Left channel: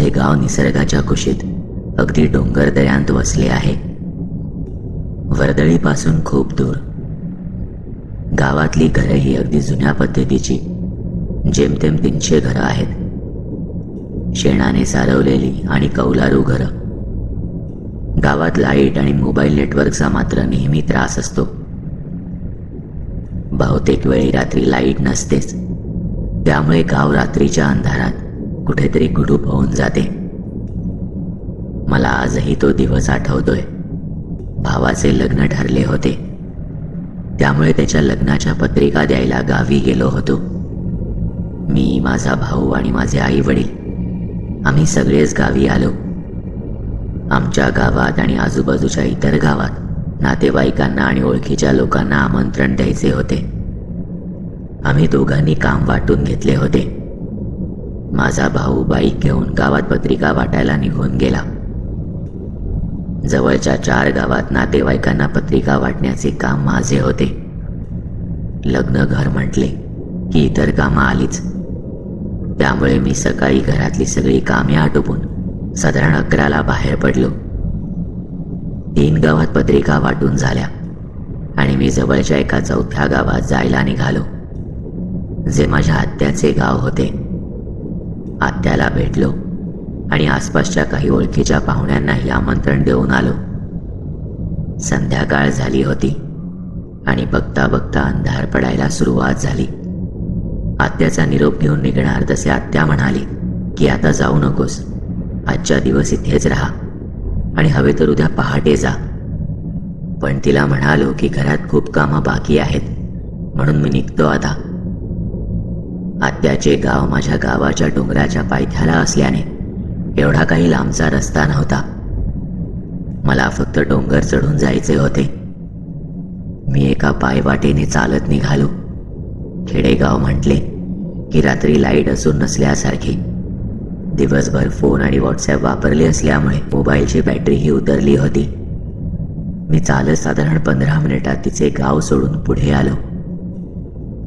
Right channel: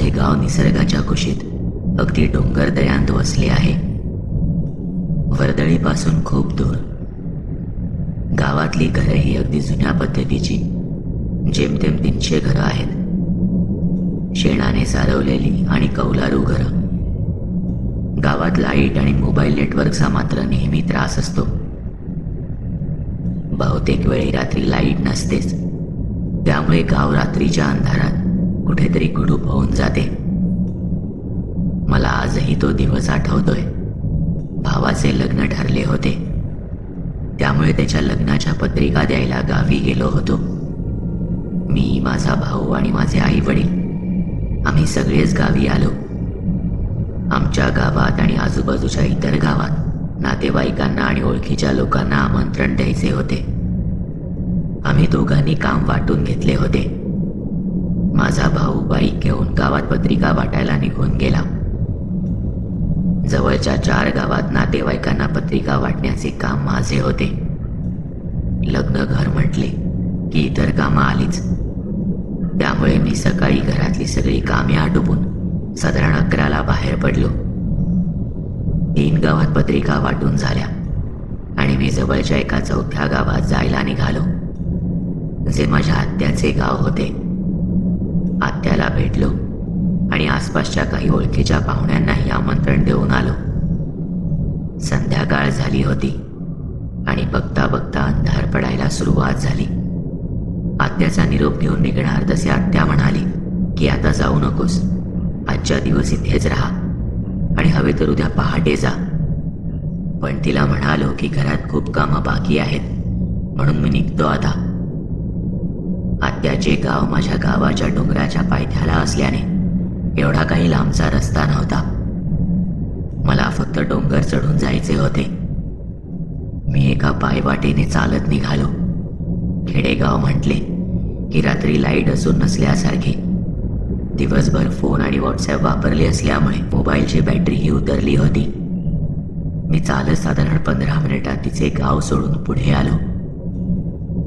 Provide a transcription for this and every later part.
माझे गाव निसर्गाच्या कुशीत अगदी डोंगर दऱ्यांत वसले आहे. वर्दळीपासून खूप दूर. गावातली घरं ही अगदी जुन्या पद्धतीची, जेमतेम 300 घरं आहेत. शेणाने सारवलेली आणि कौलारू घरं. गावात लाईट आणि मोबाईल नेटवर्कचा मात्र नेहमी त्रास असतो. बहुतेक वेळी रात्री लाईट नसतेच, त्यामुळे गाव रात्रीच्या अंधारात कुठेतरी गुडूप होऊन जाते. मला आजही तो दिवस आठवतोय. भावाचे लग्न ठरले होते, त्यामुळे त्याच्या लग्नाच्या पत्रिका द्यायला गावी गेलो होतो. मी, माझा भाऊ आणि माझे आई वडील आम्ही सगळेच गावी आलो. आमच्या गावात आणि आजूबाजूच्या इतर गावात नातेवाईकांना आणि ओळखीच्या लोकांना आमंत्रण द्यायचे होते. आम्ही दोघांनी काम वाटून घेतले होते. माझा भाऊ बाईक घेऊन गावात पत्रिका वाटायला निघून गेला. जवळच्या 4 गावात नातेवाईकांना पत्रिका वाटण्याचे काम माझे होते. लग्न घर म्हटले की इतर कामं आलीच, त्यामुळे मी सकाळी घरातली सगळी कामे आटोपून साधारण 11ला बाहेर पडलो. 3 गावात पत्रिका वाटून झाल्या आणि मी जवळच्या एका 4थ्या गावात जायला निघालो, जे माझ्या आत्याचे गाव होते. आत्याला भेटलो आणि आसपासच्या काही ओळखीच्या पाहुण्यांनाही आमंत्रण देऊन आलो. संध्याकाळ झाली होती आणि बघता बघता अंधार पडायला सुरुवात झाली. आत्याचा निरोप घेऊन निघणार तसे आत्या म्हणाली की आता जाऊ नकोस, आजच्या दिवस इथेच राहा आणि हवे तर उद्या पहाटे जा. पण तिला म्हणालो की घरात खूप कामं बाकी आहेत, म्हणून मी निघतो आता. आत्याचे गाव माझ्या गावाच्या डोंगराच्या पायथ्याला असल्याने एवढा काही लांबचा रस्ता नव्हता. मला फक्त डोंगर चढून जायचे होते. मी एका पायवाटेने चालत निघालो. खेडेगाव म्हटले की रात्री लाईट असून नसल्यासारखी. दिवसभर फोन आणि व्हॉट्सॲप वापरले असल्यामुळे मोबाईलची बॅटरीही उतरली होती. मी चालत साधारण 15 मिनिटात तिचे गाव सोडून पुढे आलो.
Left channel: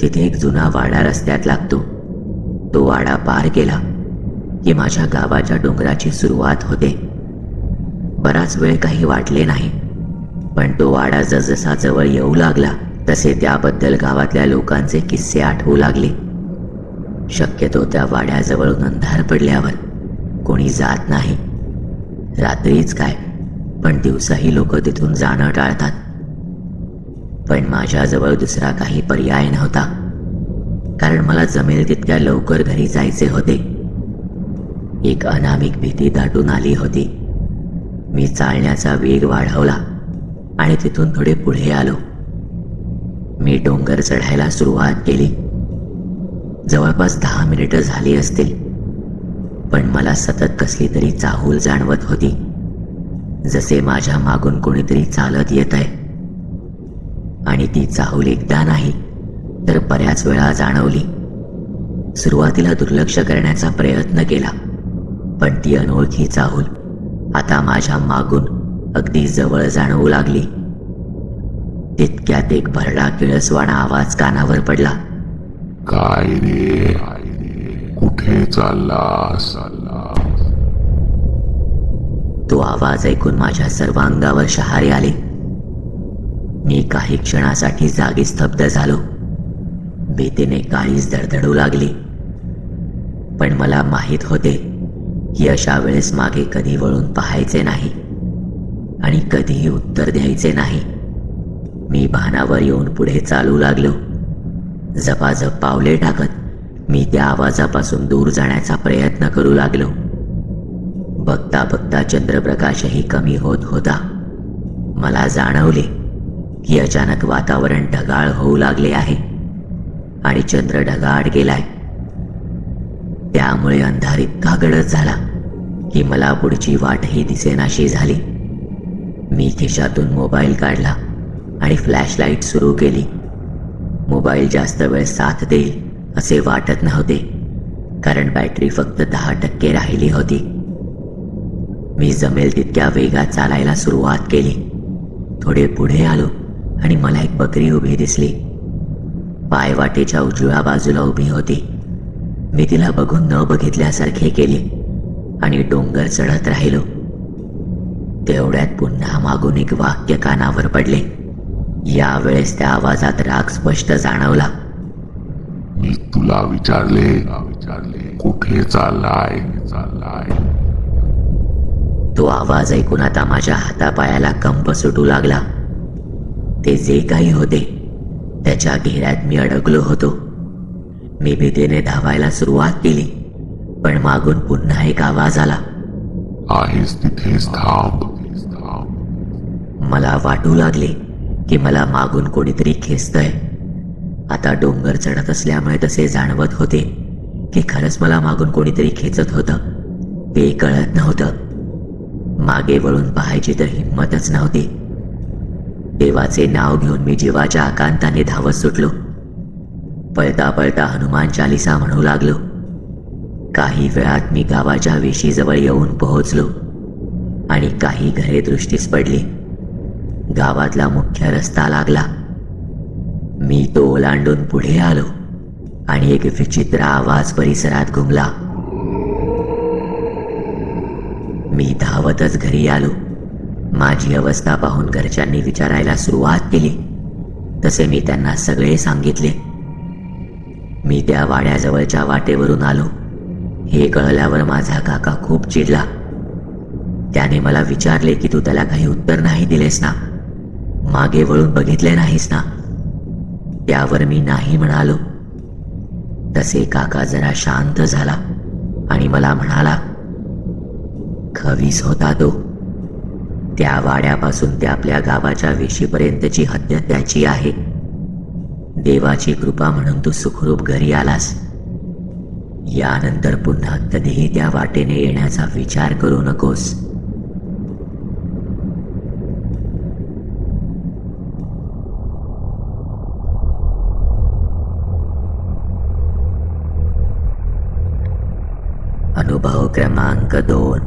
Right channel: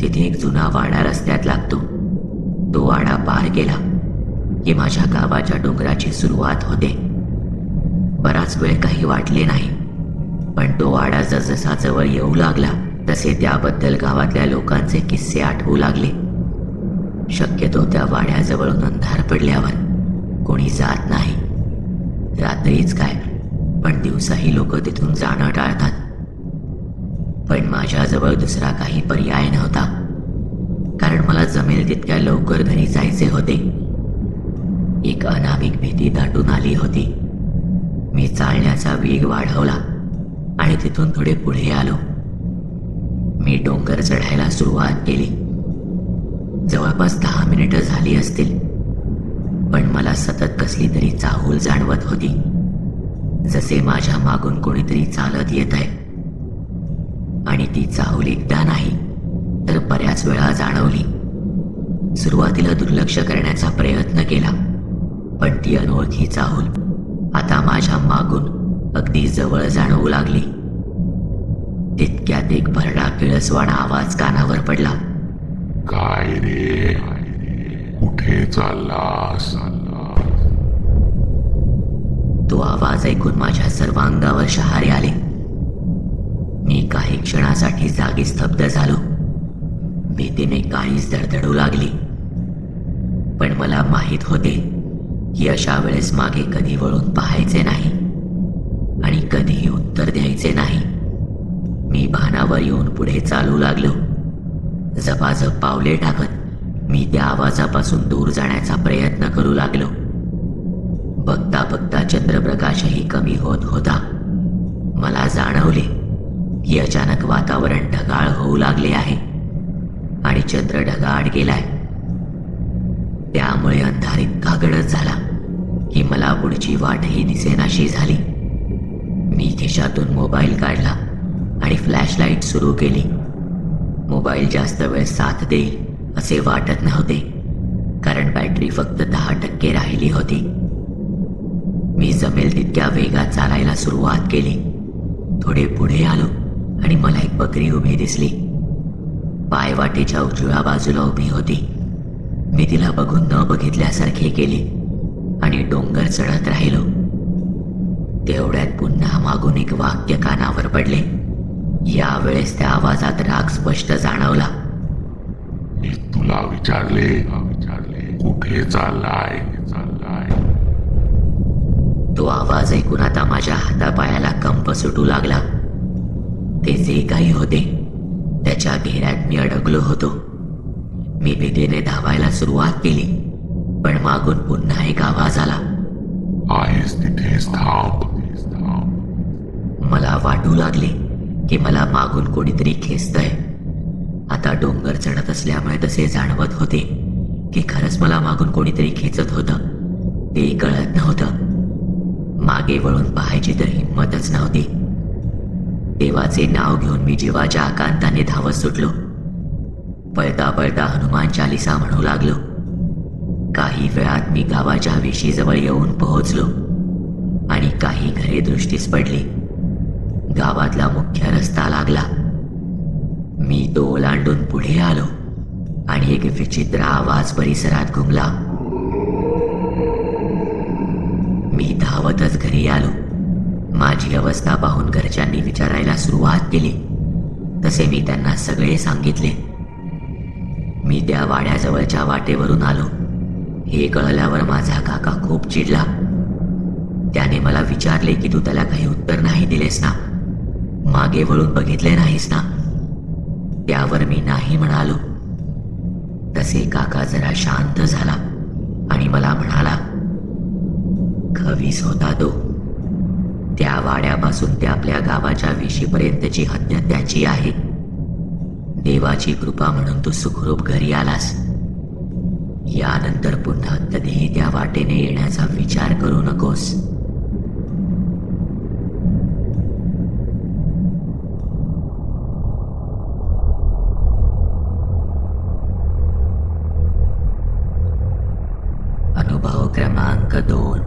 तिथे एक जुना वाडा रस्त्यात लागतो. तो वाडा पार केला की माझ्या गावाच्या डोंगराची सुरुवात होते. बराच वेळ काही वाटले नाही, पण तो वाडा जसजसा जवळ येऊ लागला तसे त्याबद्दल गावातल्या लोकांचे किस्से आठवू लागले. शक्यतो त्या वाड्याजवळून अंधार पडल्यावर कोणी जात नाही. रात्रीच काय, पण दिवसाही लोक तिथून जाणं टाळतात. पण माझ्याजवळ दुसरा काही पर्याय नव्हता, कारण मला जमेल तितक्या लवकर घरी जायचे होते. एक अनामिक भीती दाटून आली होती. मी चालण्याचा वेग वाढवला आणि तिथून थोडे पुढे आलो. मी डोंगर चढायला सुरुवात केली. जवळपास 10 मिनिटं झाली असतील, पण मला सतत कसली तरी चाहूल जाणवत होती, जसे माझ्या मागून कोणीतरी चालत येत आहे. आणि ती चाहूल एकदा नाही तर बऱ्याच वेळा जाणवली. सुरुवातीला दुर्लक्ष करण्याचा प्रयत्न केला, पण ती अनोळखी चाहूल आता माझ्या मागून अगदी जवळ जाणवू लागली. तितक्यात एक भरडा किळसवाणा आवाज कानावर पडला. काय रे, कुठे चाललास? तो आवाज ऐकून माझ्या सर्व अंगावर शहारे आले. मी काही क्षणासाठी जागी स्तब्ध झालो. भीतीने काळीच धडधडू लागली. पण मला माहीत होते की अशा वेळेस मागे कधी वळून पाहायचे नाही आणि कधीही उत्तर द्यायचे नाही. मी भानावर येऊन पुढे चालू लागलो. झपाझप पावले टाकत मी त्या आवाजापासून दूर जाण्याचा प्रयत्न करू लागलो. बघता बघता चंद्रप्रकाशही कमी होत होता. मला जाणवले की अचानक वातावरण ढगाळ होऊ लागले आहे आणि चंद्र ढगाळ गेलाय. त्यामुळे अंधार इतका गडद झाला की मला पुढची वाटही दिसेनाशी झाली. मी खिशातून मोबाईल काढला आणि फ्लॅशलाईट सुरू केली. मोबाईल जास्त वेळ साथ देईल असे वाटत नव्हते, कारण बॅटरी फक्त 10% राहिली होती. मी जमेल तितक्या वेगात चालायला सुरुवात केली. थोडे पुढे आलो आणि मला एक बकरी उभी दिसली. पायवाटेच्या उजव्या बाजूला उभी होती. मी तिला बघून न बघितल्यासारखे केले आणि डोंगर चढत राहिलो. तेवढ्यात पुन्हा मागून एक वाक्य कानावर पडले. यावेळेस त्या आवाजात राग स्पष्ट जाणवला. मी तुला विचारले कुठे चाललाय? तो आवाज ऐकून आता माझ्या हातापायाला कंप सुटू लागला. ते जे काही होते त्याच्या घेऱ्यात मी अडकलो होतो. मी भीतीने धावायला सुरुवात केली, पण मागून पुन्हा एक आवाज आला. आहेस तिथेच थांब. मला वाटू लागले की मला मागून कोणीतरी खेचतंय. आता डोंगर चढत असल्यामुळे तसे जाणवत होते की खरंच मला मागून कोणीतरी खेचत होतं. ते कळत नव्हतं. मागे वळून पाहायची तर हिंमतच नव्हती. देवाचे नाव घेऊन मी जीवाच्या आकांताने धावत सुटलो. पळता पळता हनुमान चालिसा म्हणू लागलो. काही वेळात मी गावाच्या वेशीजवळ येऊन पोहोचलो आणि काही घरे दृष्टीस पडली. गावातला मुख्य रस्ता लागला. मी तो ओलांडून पुढे आलो आणि एक विचित्र आवाज परिसरात घुमला. मी धावतच घरी आलो. माझी अवस्था पाहून घरच्यांनी विचारायला सुरुवात केली. तसे मी त्यांना सगळे सांगितले. मी त्या वाड्याजवळच्या वाटेवरून आलो हे कळल्यावर माझा काका खूप चिडला. त्याने मला विचारले की तू त्याला काही उत्तर नाही दिलेस ना, मागे वळून बघितले नाहीस ना. त्यावर मी नाही म्हणालो. तसे काका जरा शांत झाला आणि मला म्हणाला, खवीस होता तो. त्या वाड्यापासून ते आपल्या गावाच्या वेशीपर्यंतची हद्द त्याची आहे. देवाची कृपा म्हणून तू सुखरूप घरी आलास. यानंतर पुन्हा कधीही त्या वाटेने येण्याचा विचार करू नकोस. अनुभव क्रमांक 2.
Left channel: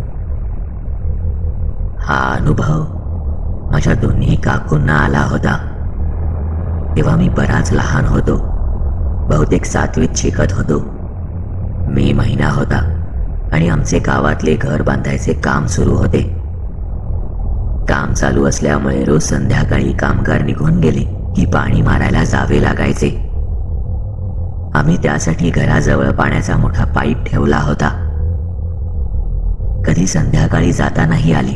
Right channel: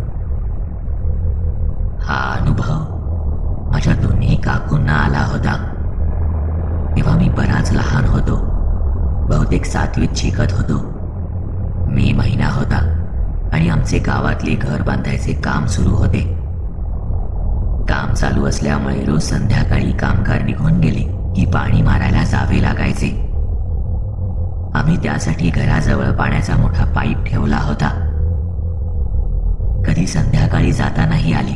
हा अनुभव माझ्या दोन्ही काकूंना आला होता. तेव्हा मी बराच लहान होतो. बहुतेक 7वीत शिकत होतो. मी महिना होता आणि आमचे गावातले घर बांधायचे काम सुरू होते. काम चालू असल्यामुळे रोज संध्याकाळी कामगार निघून गेले की पाणी मारायला जावे लागायचे. आम्ही त्यासाठी घराजवळ पाण्याचा मोठा पाईप ठेवला होता. कधी संध्याकाळी जातानाही आले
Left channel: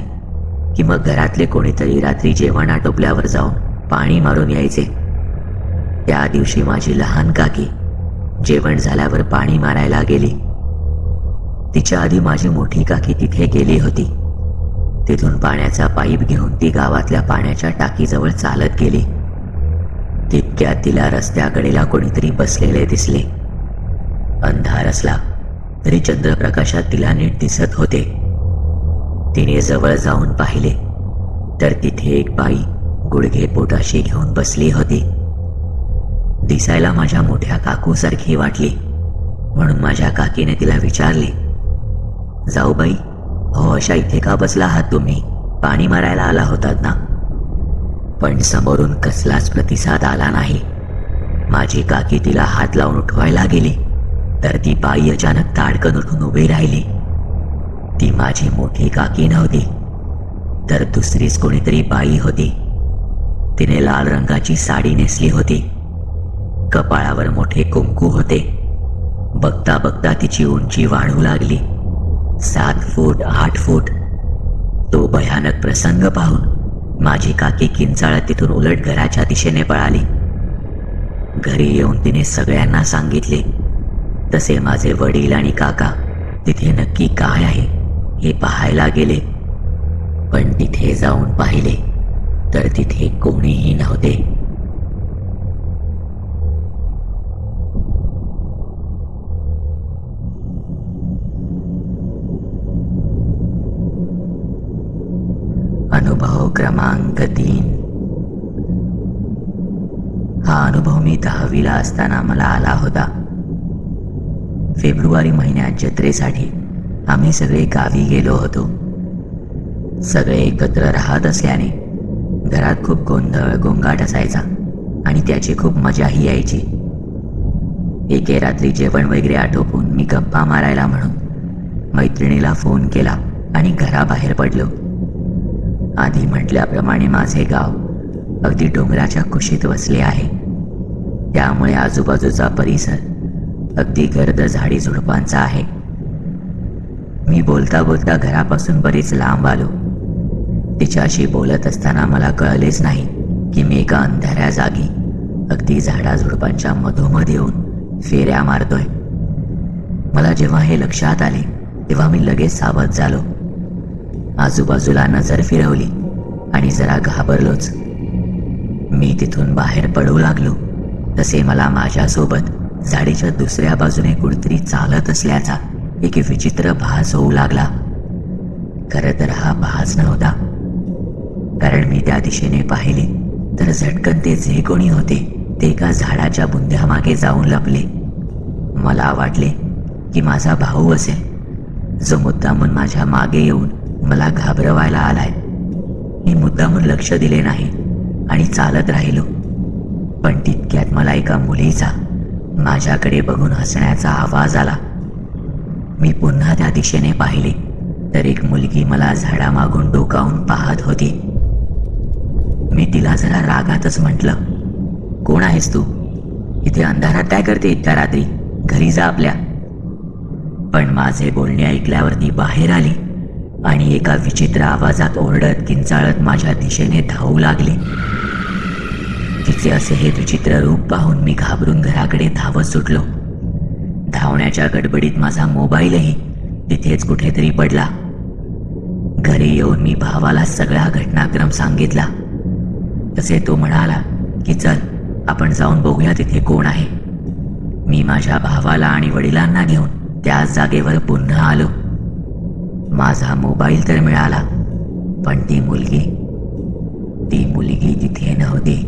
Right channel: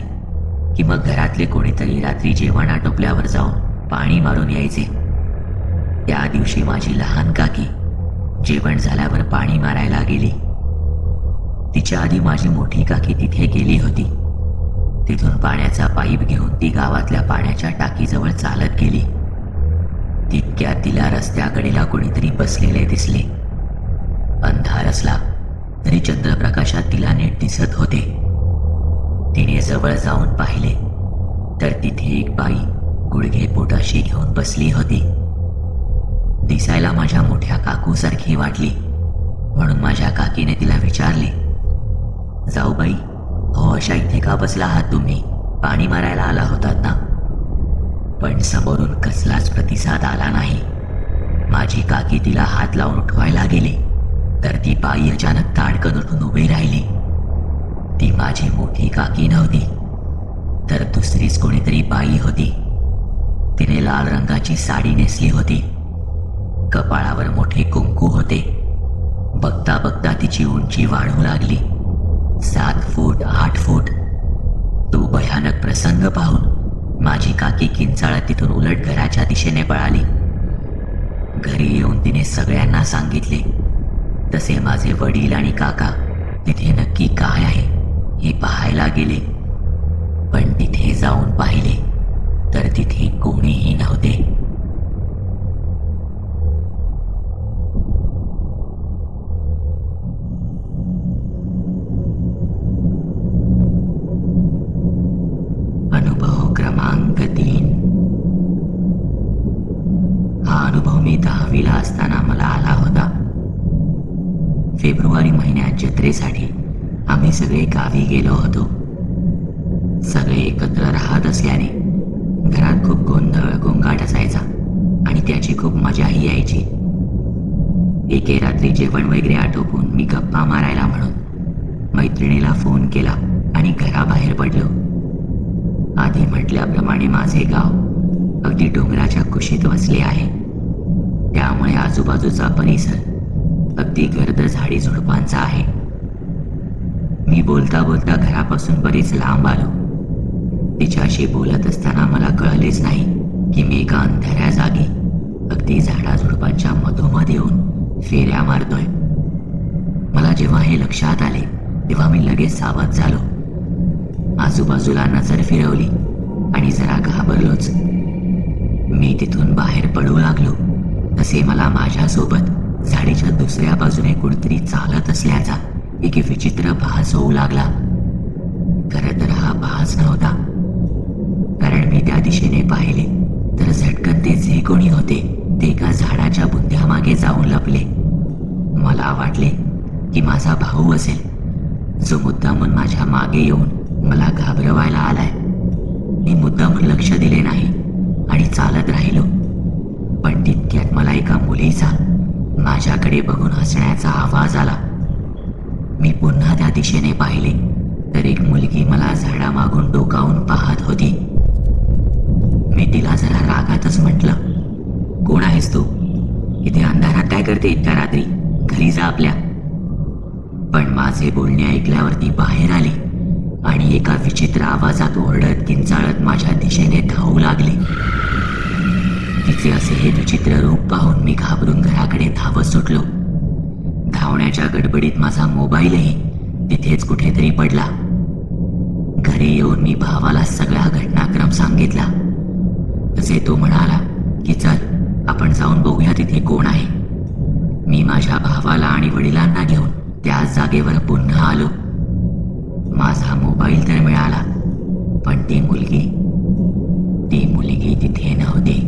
की मग घरातले कोणीतरी रात्री जेवण आटोपल्यावर जाऊन पाणी मारून यायचे. त्या दिवशी माझी लहान काकी जेवण झाल्यावर पाणी मारायला गेली. तिच्या आधी माझी मोठी काकी तिथे गेली होती. तिथून पाण्याचा पाईप घेऊन ती गावातल्या पाण्याच्या टाकीजवळ चालत गेली. तितक्यात तिला रस्त्याकडेला कोणीतरी बसलेले दिसले. अंधार असला तरी चंद्रप्रकाशात तिला नीट दिसत होते. तिने जवळ जाऊन पाहिले तर तिथे एक बाई गुडघे पोटाशी घेऊन बसली होती. दिसायला माझ्या मोठ्या काकूसारखी वाटली, म्हणून माझ्या काकीने तिला विचारले, जाऊबाई, हो अशा इथे का बसला आहात तुम्ही? पाणी मारायला आला होतात ना? पण समोरून कसलाच प्रतिसाद आला नाही. माझी काकी तिला हात लावून उठवायला गेली तर ती बाई अचानक ताडकन उठून उभी राहिली. ती माझी मोठी काकी नव्हती तर दुसरीच कोणीतरी बाई होती. तिने लाल रंगाची साडी नेसली होती. कपाळावर मोठे कुंकू होते. बघता बघता तिची उंची वाढू लागली. 7 फूट 8 फूट. तो भयानक प्रसंग पाहून माझी काकी किंचाळत तिथून उलट घराच्या दिशेने पळाली. घरी येऊन तिने सगळ्यांना सांगितले. तसे माझे वडील आणि काका तिथे नक्की काय आहे हे पाहायला गेले. पण तिथे जाऊन पाहिले तर तिथे कोणीही नव्हते. अनुभव क्रमांक 3. हा अनुभव मी 10वीला असताना मला आला होता. फेब्रुवारी महिन्यात जत्रेसाठी आम्ही सगळे गावी गेलो होतो. सगळे एकत्र राहत असल्याने घरात खूप गोंधळ गोंगाट असायचा आणि त्याची खूप मजाही यायची. एके रात्री जेवण वगैरे आटोपून मी गप्पा मारायला म्हणून मैत्रिणीला फोन केला आणि घराबाहेर पडलो. आधी म्हटल्याप्रमाणे माझे गाव अगदी डोंगराच्या कुशीत वसले आहे. त्यामुळे आजूबाजूचा परिसर अगदी गर्द झाडी झुडपांचा आहे. मी बोलता बोलता घरापासून बरीच लांब आलो. तिच्याशी बोलत असताना मला कळलेच नाही की मी एका अंधाऱ्या जागी अगदी झाडाझुडपांच्या मधोमध येऊन फेऱ्या मारतोय. मला जेव्हा हे लक्षात आले तेव्हा मी लगेच सावध झालो. आजूबाजूला नजर फिरवली आणि जरा घाबरलोच. मी तिथून बाहेर पडू लागलो तसे मला माझ्यासोबत झाडीच्या दुसऱ्या बाजूने कुणीतरी चालत असल्याचा एक विचित्र भास होऊ लागला. खरं तर हा भास नव्हता, कारण मी त्या दिशेने पाहिले तर झटकन ते जे कोणी होते ते एका झाडाच्या बुंध्यामागे जाऊन लपले. मला वाटले की माझा भाऊ असेल, जो मुद्दामून माझ्या मागे येऊन मला घाबरवायला आलाय. मी मुद्दामून लक्ष दिले नाही आणि चालत राहिलो. पण तितक्यात मला एका मुलीचा माझ्याकडे बघून हसण्याचा आवाज आला. मी पुन्हा त्या दिशेने पाहिले तर एक मुलगी मला झाडामागून डोकावून पाहत होती. मी तिला जरा रागातच म्हटलं, कोण आहेस तू? इथे अंधारात काय करते इतक्या रात्री? घरी जा आपल्या. पण माझे बोलणे ऐकल्यावर ती बाहेर आली आणि एका विचित्र आवाजात ओरडत किंचाळत माझ्या दिशेने धावू लागली. तिचे असे हे विचित्र रूप पाहून मी घाबरून घराकडे धावत सुटलो. धावण्याच्या गडबडीत माझा मोबाईलही तिथेच कुठेतरी पडला. घरी येऊन मी भावाला सगळा घटनाक्रम सांगितला. तसे तो म्हणाला की चल आपण जाऊन बघूया तिथे कोण आहे. मी माझ्या भावाला आणि वडिलांना घेऊन त्याच जागेवर पुन्हा आलो. माझा मोबाईल तर मिळाला, पण ती मुलगी तिथे नव्हती.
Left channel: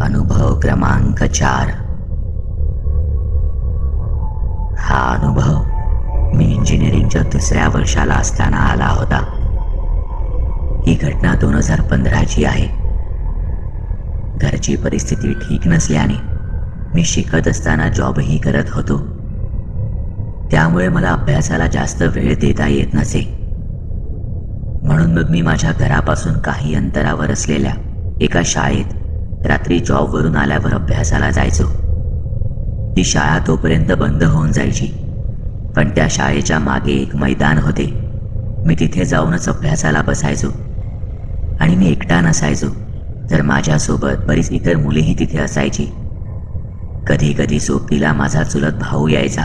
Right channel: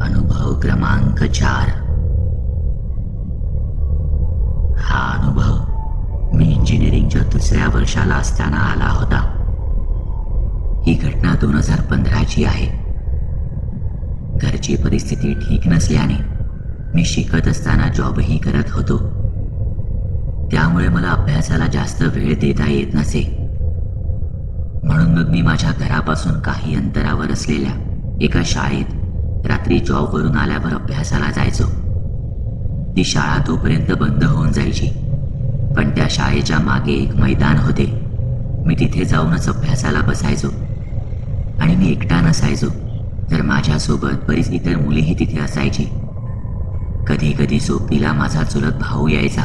अनुभव क्रमांक 4. हा अनुभव मी इंजिनिअरिंगच्या दुसऱ्या वर्षाला असताना आला होता. ही घटना 2015ची आहे. घरची परिस्थिती ठीक नसल्याने मी शिकत असताना जॉबही करत होतो. त्यामुळे मला अभ्यासाला जास्त वेळ देता येत नसे. म्हणून मग मी माझ्या घरापासून काही अंतरावर असलेल्या एका शाळेत रात्री जॉबवरून आल्यावर अभ्यासाला जायचो. ती शाळा तोपर्यंत बंद होऊन जायची, पण त्या शाळेच्या मागे एक मैदान होते. मी तिथे जाऊनच अभ्यासाला बसायचो. आणि मी एकटा नसायचो, तर माझ्यासोबत बरीच इतर मुलीही तिथे असायची. कधी कधी सोबतीला माझा चुलत भाऊ यायचा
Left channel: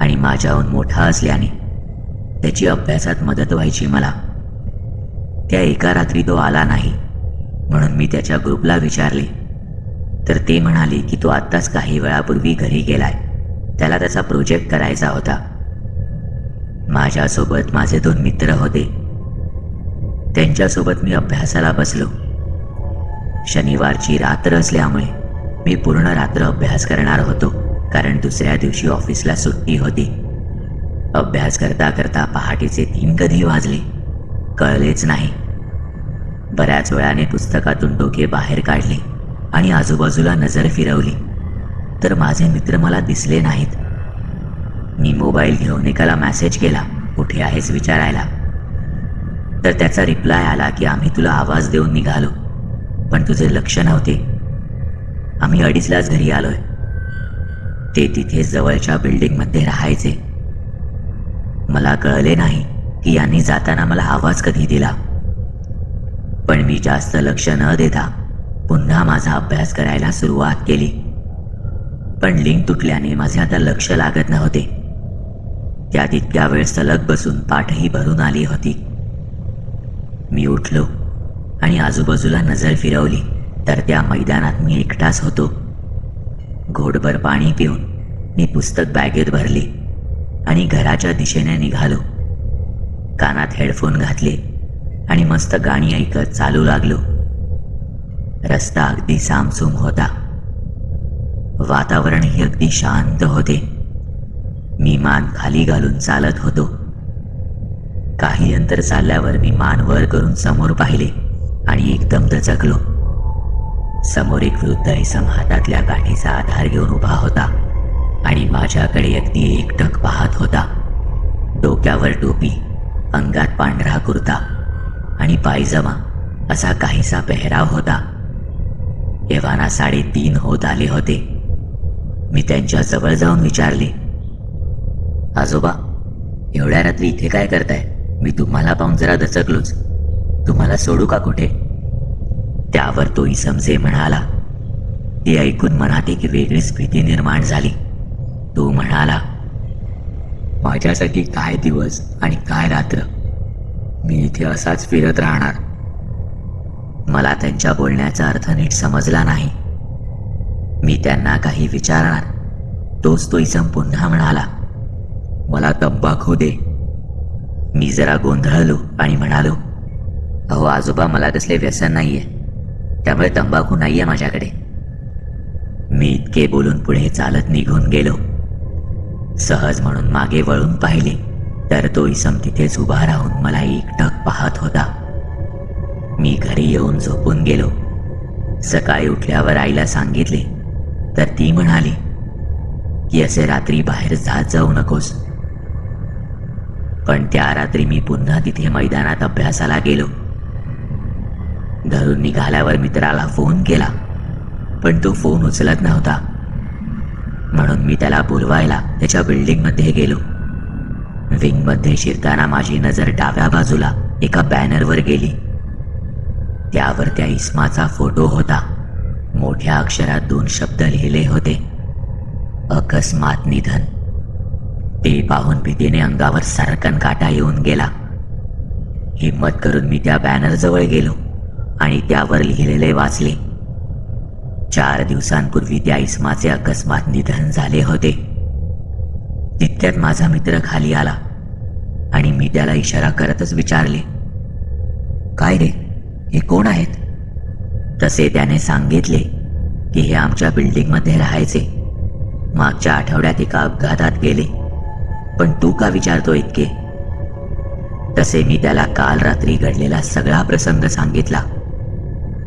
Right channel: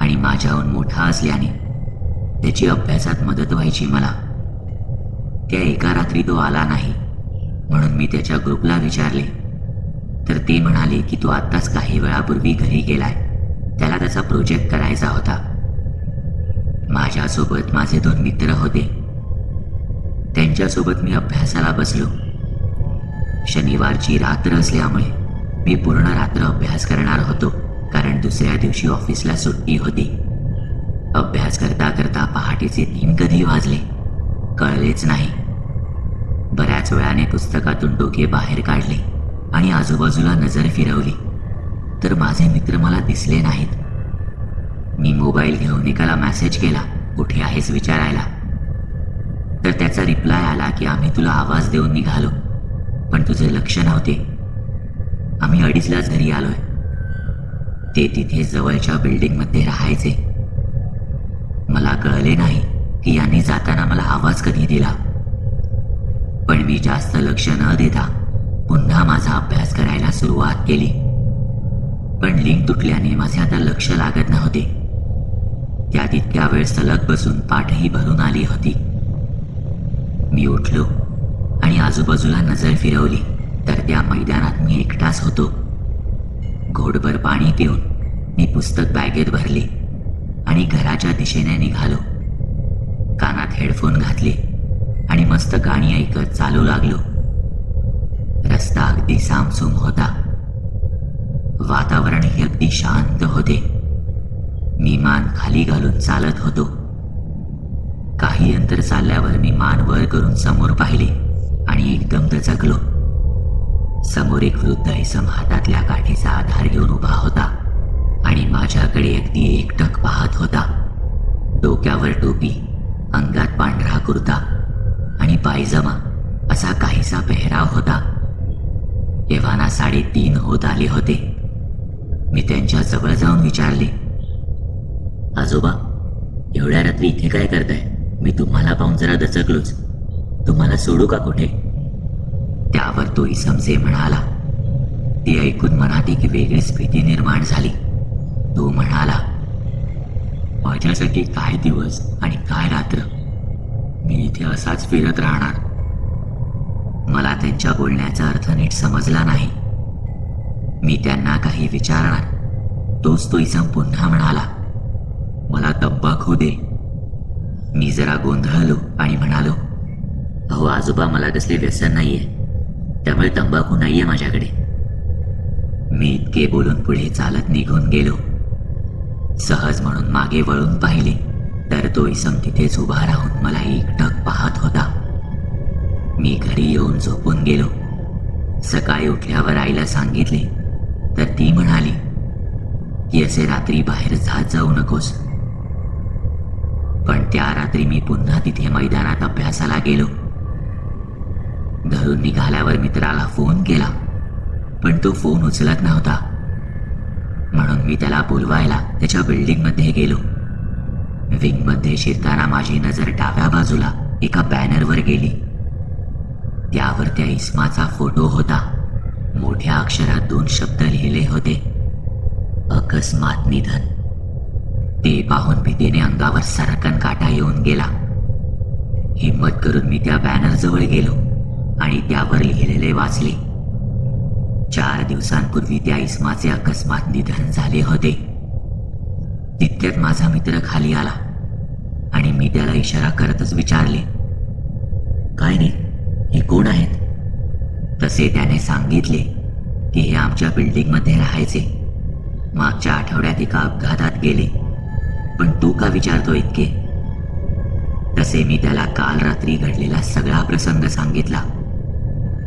आणि माझ्याहून मोठा असल्याने त्याची अभ्यासात मदत व्हायची मला. त्या एका रात्री तो आला नाही, म्हणून मी त्याच्या ग्रुपला विचारले तर ते म्हणाले की तो आत्ताच काही वेळापूर्वी घरी गेलाय. त्याला त्याचा प्रोजेक्ट करायचा होता. माझ्यासोबत माझे 2 मित्र होते. त्यांच्यासोबत मी अभ्यासाला बसलो. शनिवारची रात्र असल्यामुळे मी पूर्ण रात्र अभ्यास करणार होतो, कारण दुसऱ्या दिवशी ऑफिसला सुट्टी होती. अभ्यास करता करता पहाटेचे 3 कधी वाजले कळलेच नाही. बऱ्याच वेळाने पुस्तकातून डोके बाहेर काढले आणि आजूबाजूला नजर फिरवली तर माझे मित्र मला दिसले नाहीत. मी मोबाईल घेऊन एकाला मेसेज केला, कुठे आहेस विचारायला. तर त्याचा रिप्लाय आला की आम्ही तुला आवाज देऊन निघालो, पण तुझे लक्ष नव्हते. आम्ही 2:30लाच घरी आलोय. ते तिथे जवळच्या बिल्डिंगमध्ये राहायचे. मला कळले नाही की यांनी जाताना मला आवाज कधी दिला. पण मी जास्त लक्ष न देता पुन्हा माझा अभ्यास करायला सुरुवात केली. पण लिंक तुटल्याने माझे आता लक्ष लागत नव्हते. त्यात इतक्या वेळ सलग बसून पाठही भरून आली होती. मी उठलो आणि आजूबाजूला नजर फिरवली तर त्या मैदानात मी एकटाच होतो. घोटभर पाणी पिऊन मी पुस्तक बॅगेत भरली आणि घराच्या दिशेने निघालो. कानात हेडफोन घातले आणि मस्त गाणी ऐकत चालू लागलो. रस्ता अगदी सामसूम होता. वातावरणही अगदी शांत होते. मी मान खाली घालून चालत होतो. काही अंतर चालल्यावर मी मान वर करून समोर पाहिले आणि एकदम दचकलो. समोर एक वृद्ध इसम हातातल्या काठीचा आधार घेऊन उभा होता आणि माझ्याकडे अगदी एकटक पाहत होता. डोक्यावर टोपी, अंगात पांढरा कुर्ता आणि पायजमा असा काहीसा पेहराव होता. एव्हाना 3:30 होत आले होते. मी त्यांच्या जवळ जाऊन विचारले, आजोबा, एवढ्या रात्री इथे काय करताय? मी तुम्हाला पाहून जरा दचकलोच. तुम्हाला सोडू का कुठे? त्यावर तो इसम जे म्हणाला ते ऐकून मनात एक वेगळीच भीती निर्माण झाली. तो म्हणाला, माझ्यासाठी काय दिवस आणि काय रात्र, मी इथे असाच फिरत राहणार. मला त्यांच्या बोलण्याचा अर्थ नीट समजला नाही. मी त्यांना काही विचारणार तोच तो इसम पुन्हा म्हणाला, मला तंबाखू दे. मी जरा गोंधळलो आणि म्हणालो, अहो आजोबा, मला कसले व्यसन नाहीये, त्यामुळे तंबाखू नाहीये माझ्याकडे. मी इतके बोलून पुढे चालत निघून गेलो. सहज म्हणून मागे वळून पाहिले तर तो इसम तिथेच उभा राहून मला एकटक पाहत होता. मी घरी येऊन झोपून गेलो. सकाळी उठल्यावर आईला सांगितले तर ती म्हणाली की असे रात्री बाहेर जाऊ नकोस. पण त्या रात्री मी पुन्हा तिथे मैदानात अभ्यासाला गेलो. घरून निघाल्यावर मित्राला फोन केला, पण तो फोन उचलत नव्हता. म्हणून मी त्याला बोलवायला त्याच्या बिल्डिंगमध्ये गेलो. विंगमध्ये शिरताना माझी नजर डाव्या बाजूला एका बॅनरवर गेली. त्यावर त्या इस्माचा फोटो होता. मोठ्या अक्षरात 2 शब्द लिहिले होते, अकस्मात निधन. ते पाहून भीतीने अंगावर सरकन काटा येऊन गेला. हिम्मत करून मी त्या बॅनर जवळ गेलो आणि त्यावर लिहिलेले वाचले. 4 दिवसांपूर्वी त्या इस्माचे अकस्मात निधन झाले होते. तितक्यात माझा मित्र खाली आला आणि मी त्याला इशारा करतच विचारले, काय रे, हे कोण आहेत? तसे त्याने सांगितले की हे आमच्या बिल्डिंगमध्ये राहायचे. मागच्या आठवड्यात एका अपघातात गेले. पण तू का विचारतो इतके? तसे मी त्याला काल रात्री घडलेला सगळा प्रसंग सांगितला.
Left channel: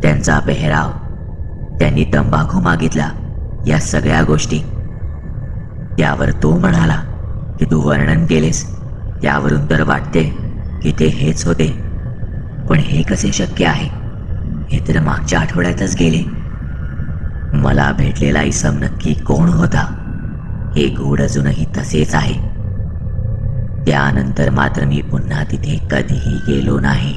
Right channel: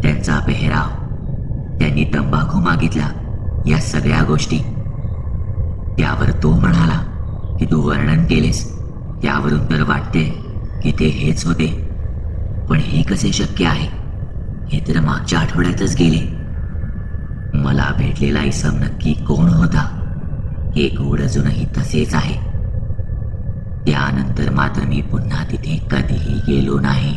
त्यांचा पेहराव, त्यांनी तंबाखू मागितला, या सगळ्या गोष्टी. त्यावर तो म्हणाला की तू वर्णन केलेस त्यावरून तर वाटते की ते हेच होते. पण हे कसे शक्य आहे? हे तर मागच्या आठवड्यातच गेले. मला भेटलेला इसम नक्की कोण होता हे गूढ अजूनही तसेच आहे. त्यानंतर मात्र मी पुन्हा तिथे कधीही गेलो नाही.